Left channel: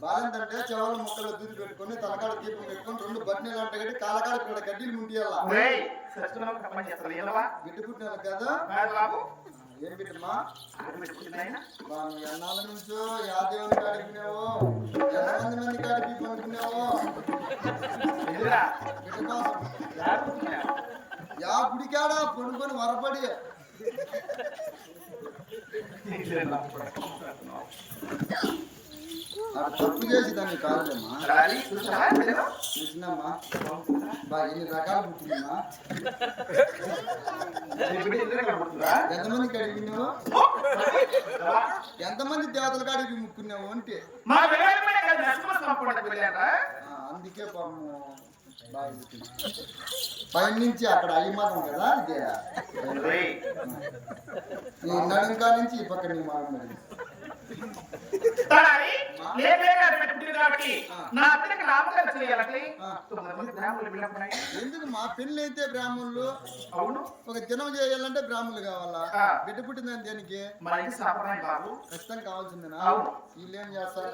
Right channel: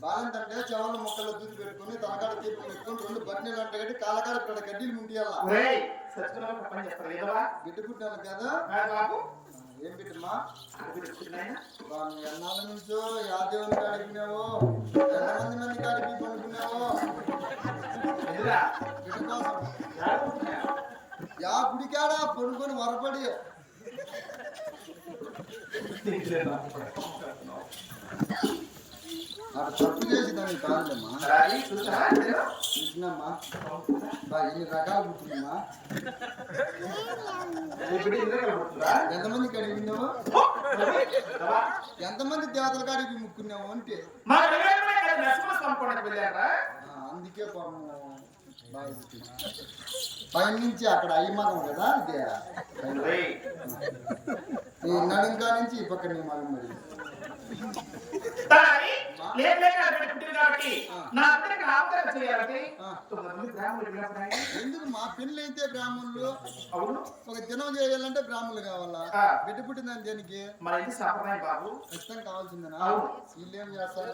బాలంతంటే చెవాల మొక్కలు దూరి పెట్టుకుని తలకాడ దీపం పెట్టుకుని రెండు బట్టలు అంటే కట్టి కాలకాడ ఇక్కడ గడ్డిని ముంటియాల గిడ్డు పుట్టినారు కదా ఏం బిడ్డమ్మా ఎన్నాళ్ళ నుంచో యా దేవుని కాడికి విన్నావో ఎంతమంది మంది కాడికి పనుకున్నావో బిడ్డ కోసం యా గుడికాడ పనుకొని వరపడి తప్పు చేసి దాన్ని కాదులేమ్మా చూసినమ్మా బా ఎన్ని రకాలు పుట్టిందమ్మా ఎంతమంది కాడికి విన్నావు ఎంతమంది దేవతల కాడికి ముక్కున్నావు అంటే అందుకే పాపము బాగా పుట్టింది పైన నుంచి అక్కడ అయ్యి మగం కదా ఇది నీ నడుంకా నుంచి ఈ పక్క నీ మగం మరి ఎందుకు మా పెళ్లి అయితే బ్రాహ్మణులు ఒక దినం చేయాలంటే బ్రాహ్మణులు కావాలా బిడ్డ పుట్టిందని దేనికి ఖచ్చితంగా కావాల్సిందేనా వీళ్ళు ఏం చేస్తారు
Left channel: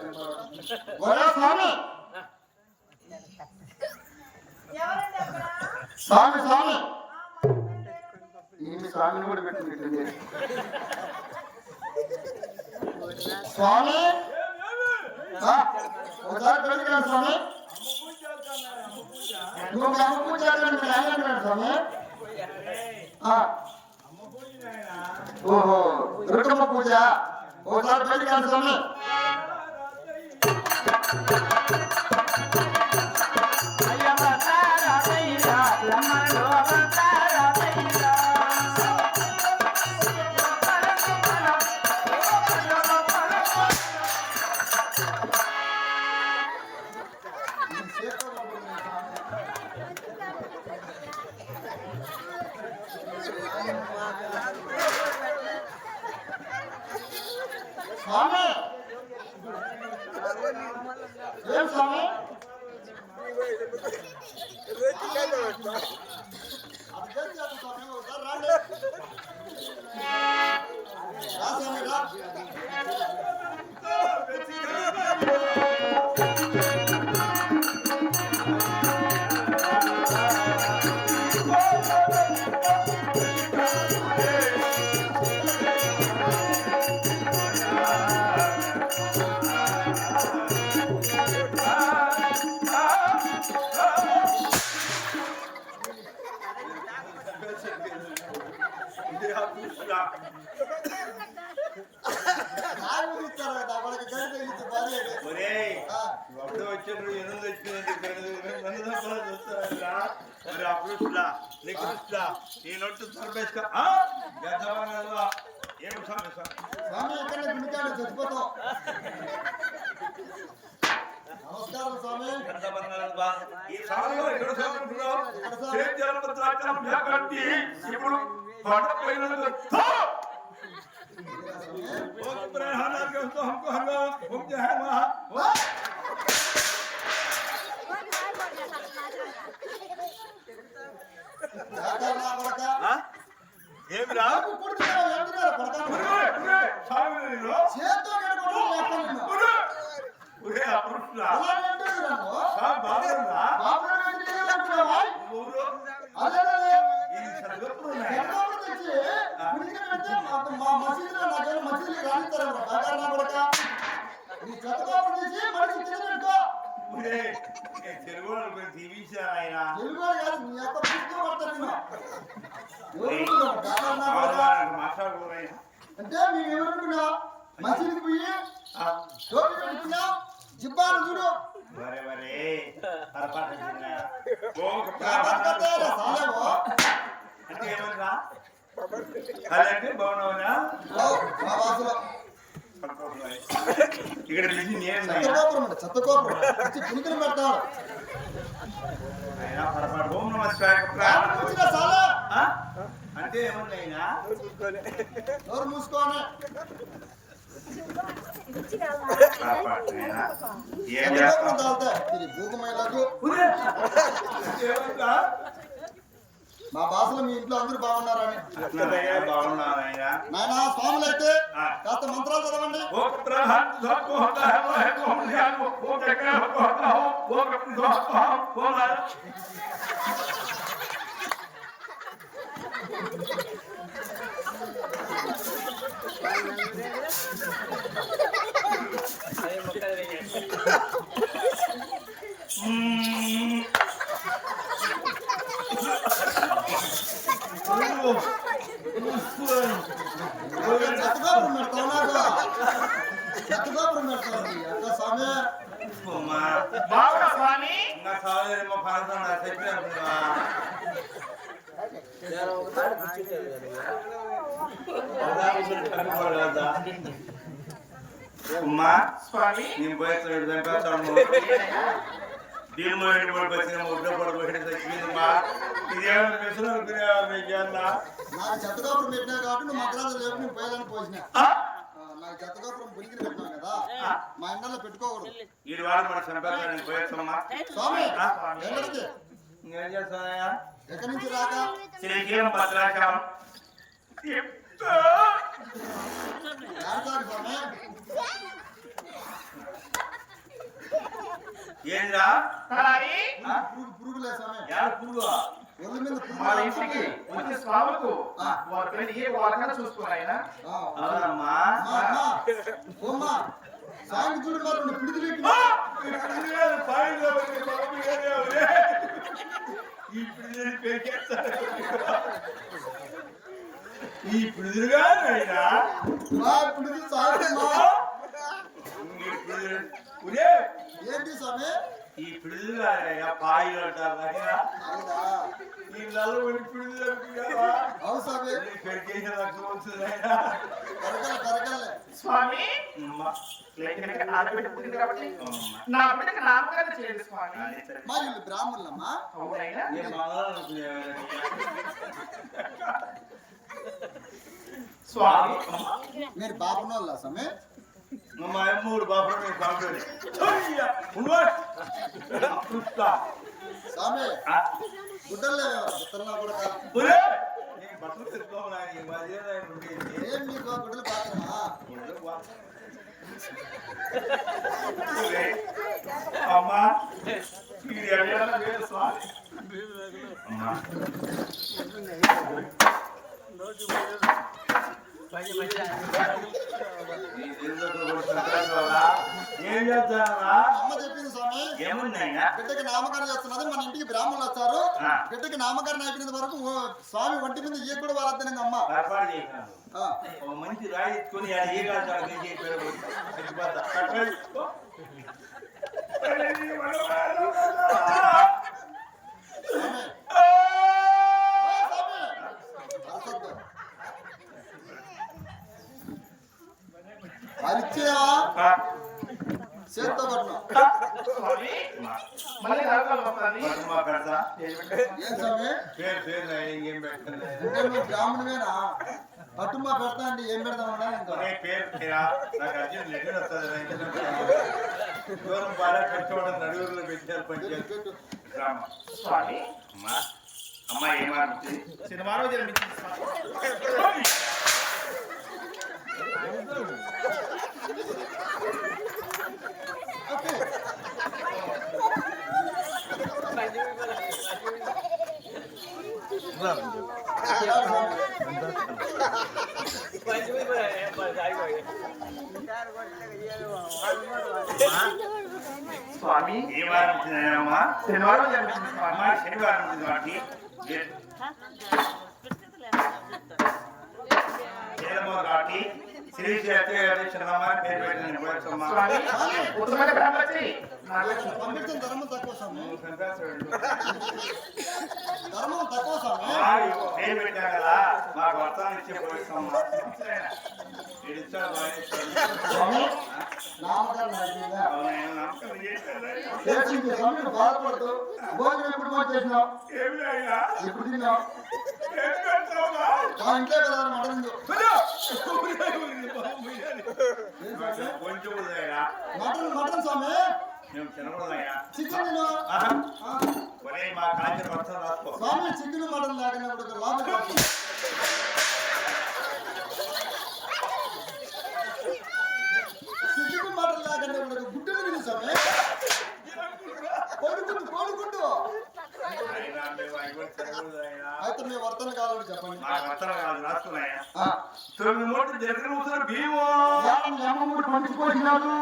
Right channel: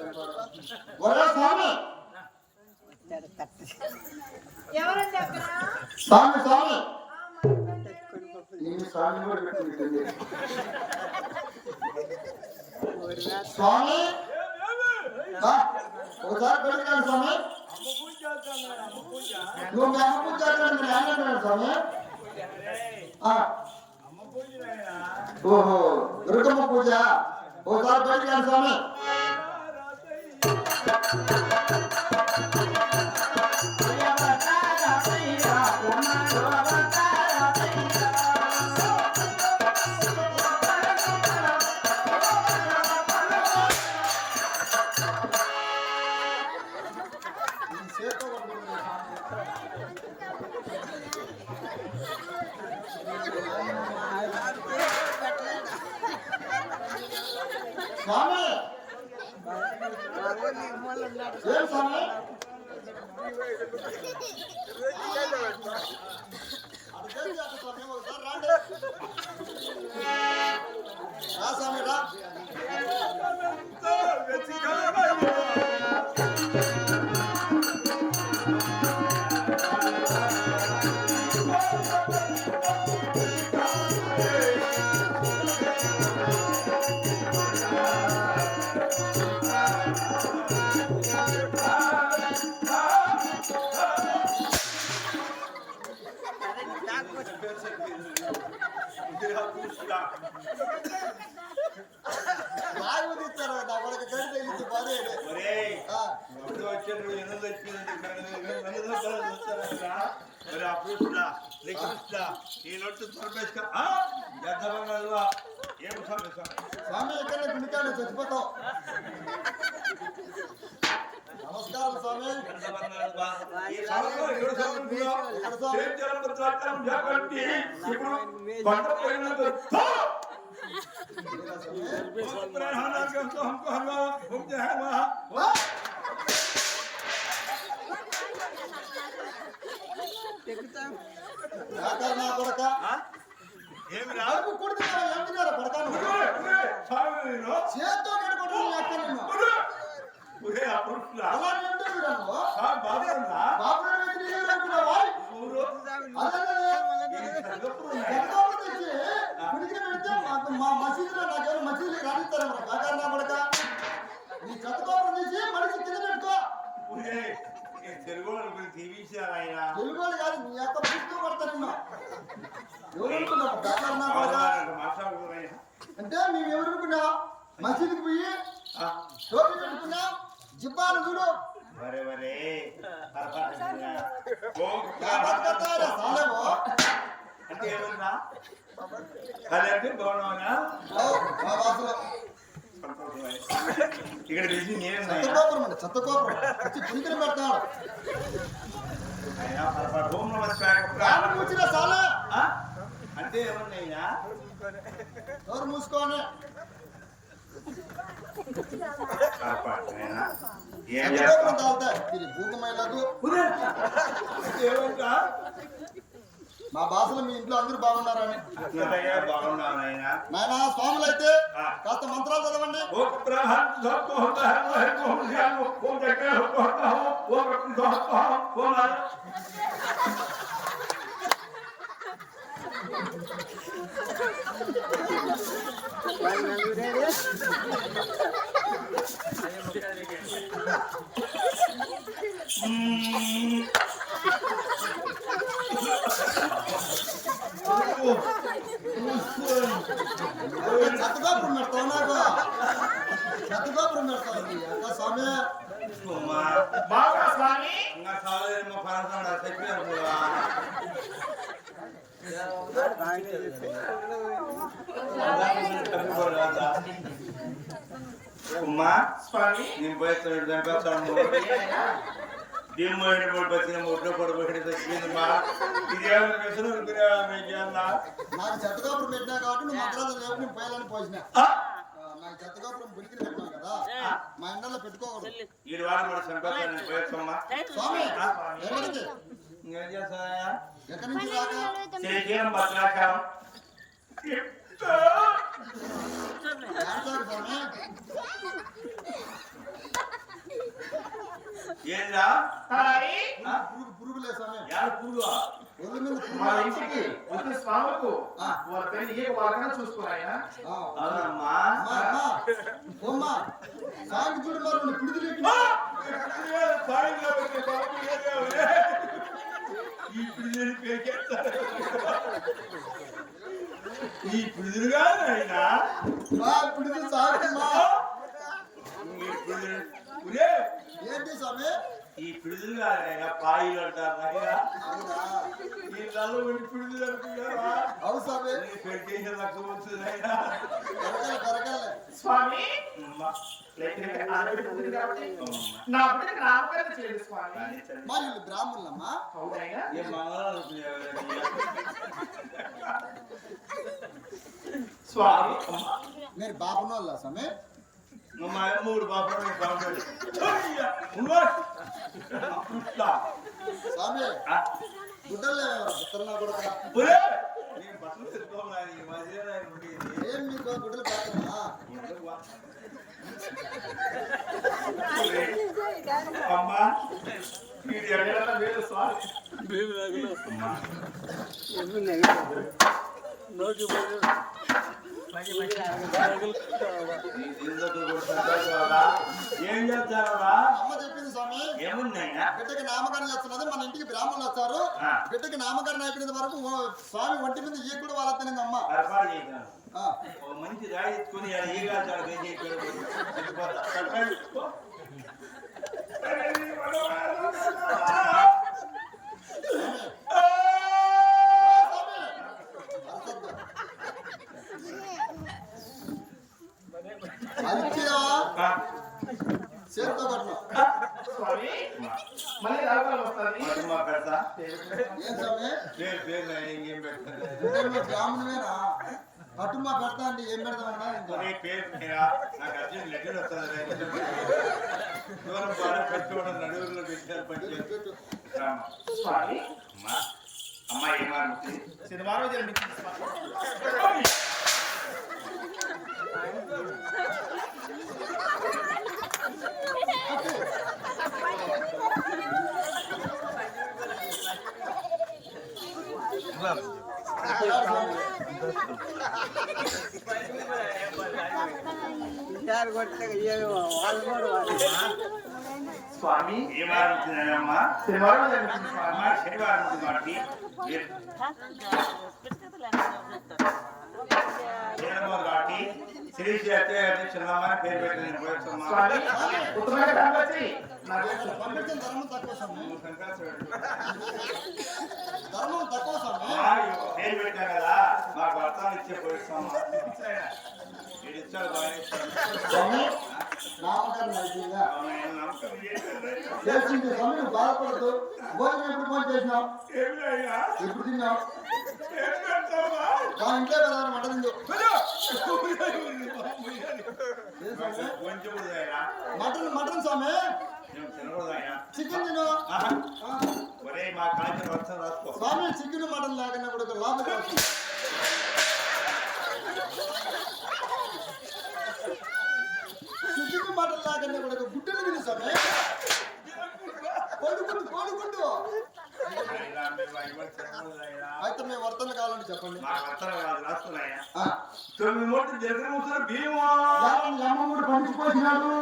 స్వామి స్వామి స్వామిని కూడా పెట్టి స్వామి ఒకసారి పెళ్ళికాడు స్వామి నువ్వు అమ్మ పూజ స్వామి ఓహో దుర్గమ్మ పూజ ఒకసారి పెళ్ళికాడు స్వామి స్వామి ఏం స్వామి రా స్వామి రా స్వామి ఎక్కడ గుడికాడు చచ్చిపోతావు నమస్కారం స్వామి కొడక ఏమి రాదు కొడుతున్నారు కొడక చేత్తో మా మసీదులో నాకేమో మసీదులు రానిస్తారా కాకారు నా కొడక నీ చెత్తకోపం చేసి మనిషి కింద పెట్టుకో తెలుగు కాదు నీ యొక్క పుస్తకం పడతాను ఎవరు కాకారు నా కొడక అంటే మేము ఎవరనుకున్నావా మసీదుకి పోయి టోపీ పెట్టుకున్నా జిబ్బాను చూడు చెత్తకోపురం అండి చెత్తకోపురం వచ్చి పునికలు పెడతాడు కూర్చున్నా చాలా అంటే ఏమన్నా నోరు మూసుకోని మా భాషలో మీ ఇంట్లో అందరూ బాగున్నారని. నాయన స్వాములు అయితే కాస్త మంత్రాలు చదవండి. చెత్తగోపురం పెడతావు నాకు చెత్తగోపురం పెడతావు అక్క స్వామి అమ్మా స్వామి నేను పోయి భీము వచ్చిన ముద్ర పడబెట్టి తగ్గిందమ్మా ఇదేమో నాకు చెత్తగోపురం పెట్టినా కాబట్టి నువ్వు మంత్రాలు లేపు నేను పోయాలని పోసినా. నాకు చెత్తగోపురం బులికిని పెట్టినావు కదా మా ఇంట్లో పెట్టుకోకూడదు. స్వామి ఎక్కడికి ఎక్కడి నుంచి రాక స్వామి ఏందా పురుగులే స్వామి పురుగు ఒళ్ళు మీద మా ఇంటికి వచ్చే స్వాములకు వాళ్ళ పేరు ఏ వాళ్ళకన్నా చూసుకోవాలన్నా సాంగ్ చూడు మరి పిడిదిలేకి ఈ పిడుదులుగా మా పిడిది సాగు ఏంటి స్వామి ఈ పిడుదులు పాయిలు అంటారు అవునా ఈ నల్లబడి పిడుదులు అవును స్వామి కరగలే స్వామి నా బిడ్డకి నామకరణం చేయండి స్వామి. మా వీళ్ళు బ్రాహ్మణులమ్మా. అవునైనా స్వామి మీరు బాపనోళ్ళ స్వామి మా మూడు బాపలు స్వామి గుడ్డలు గుట్టలు కూడా బట్టలు తెచ్చుకోవాలి ఏం మీకు గుడ్డలు పాత్రమా అమ్మా స్వామి అమ్మా ఏం చేస్తారా అమ్మ చెప్పింది స్వామి ఏమున్నాయినా బిడ్డకి నామకరణ చేస్తున్నది మన ఇంటికి బ్రాహ్మణులు వచ్చారు బిడ్డకి నామకరణ అయిపోయిన వరకు స్వామి ఒంటి మీద ఏ కూడా వాళ్ళ అమ్మ మంచి రాయి ఎత్తుకొని అరిచేవా చేత్తో పట్ల ఏం స్వామి అంటే నువ్వు బ్రాహ్మణువేనా పట్టుమా పెడతా అంటే ఏం పెడతామన్నా ఇంకా నడువులో పెట్టారు అమ్మా ఏమారు శనివారం జన్మించింది స్వామి ఏ వారం వచ్చినాయమ్మా శనివారం జన్మించింది స్వామి శనివారం వచ్చింది వాటికి కాబట్టి శ్రీ పేరు పంపించిన ధర్మం తక్కువ స్వామి ధర్మం తక్కువ స్వామి పేరు పెట్టాం కదా మాకు వర్తాలు ఇచ్చే పోయిస్తాం నామకరణ నమస్కారం చేసింది స్వామి బాధపడద్దు. భోజనం ఎప్పుడు ఫోన్ చేసినావు? ఏమిటైనా ఎప్పుడు తిన్నావు? మా ఇంట్లో కదా మంట తిందో. కొంచెం ఉదయా మటన్ మటన్ స్వామి. మేము తినకూడదయా చికెన్ తిను. ఒరే మా కాల్చిన వర్షం రాసుకో స్వామి చికెన్ మటన్ లేకుండా కూడా ఒక లాభం రాదు. చికెన్ మటన్ లేకుండా కూడా ఒక గుడ్డలు తిను స్వామి. కోడిగుడ్డు కోడిగుడ్డు. అయినా మేము అవి తినకూడదైనా అయితే మేము వర్తన కావాలంటే చెప్పండి. మా వర్షాలు కాదు రాసుకున్నాయా 9 మూటలు జగన్ ముసలు భీమా ఏమమ్ముడు పంచుకోసినాడు.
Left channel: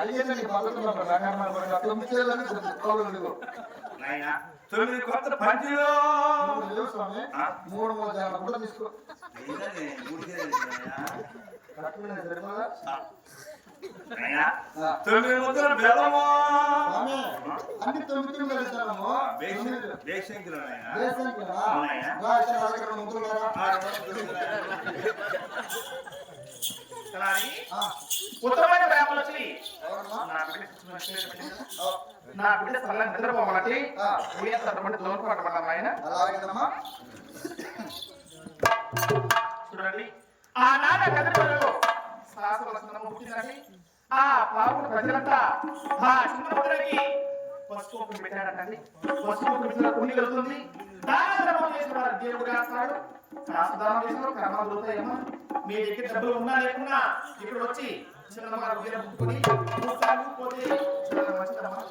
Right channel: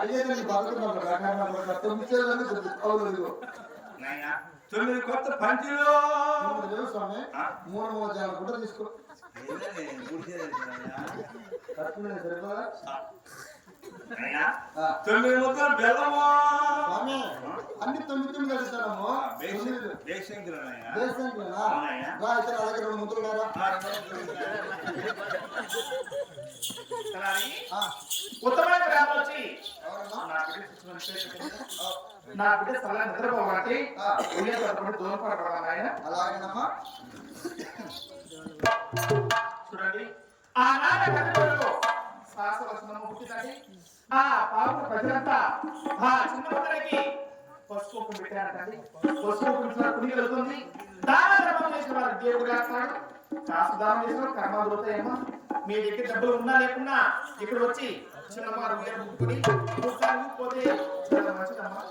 అడిగేదండి బాగున్నాడు రంగమ్మ తొమ్మిదేళ్ళని చెప్పుకోలేదు. నాయనా 9 కొత్త పంచులు లేవు స్వామి. 3 జనాలు కూడా తీసుకో. కరెక్ట్గా సరిపోదా? 9 ముద్దలు బెల్లము స్వామి అన్ని 9 వెళ్తాము. దేశంకులైనా దేశానికినా అయితే నా దగ్గర 2 ముద్రలు లేరా? ఉత్తమైన ప్రేమలు వచ్చి ఎవరమ్మా? నా బిడ్డ స్థలంగా నిద్రపోవాలంటే దూరం పట్టబడ్డాను ఆయన. అలాగేనమ్మా. చూడండి ఆ నాన్న కథలో శాశ్వతము పుట్టిందంటే ఆ పాపం ప్రజలంతా ఆ చిన్న ముద్రకి పసుపు పెట్టారంటండి. పసుపు పెట్టిన పుణ్యం వెళ్తుంది. దాన ధర్మం చేసిన వారు దేవుడు కాస్తాడు. కాస్త దానం చేసిన కర్మ దొరుకుతాయేమో. మీ దగ్గర డబ్బులు ఉన్నా లేకున్నా ఇక్కడ వచ్చి చిన్నమ్మ ఉయ్యాల పుట్టుకొని పోతే చాలా మంచిదమ్మా.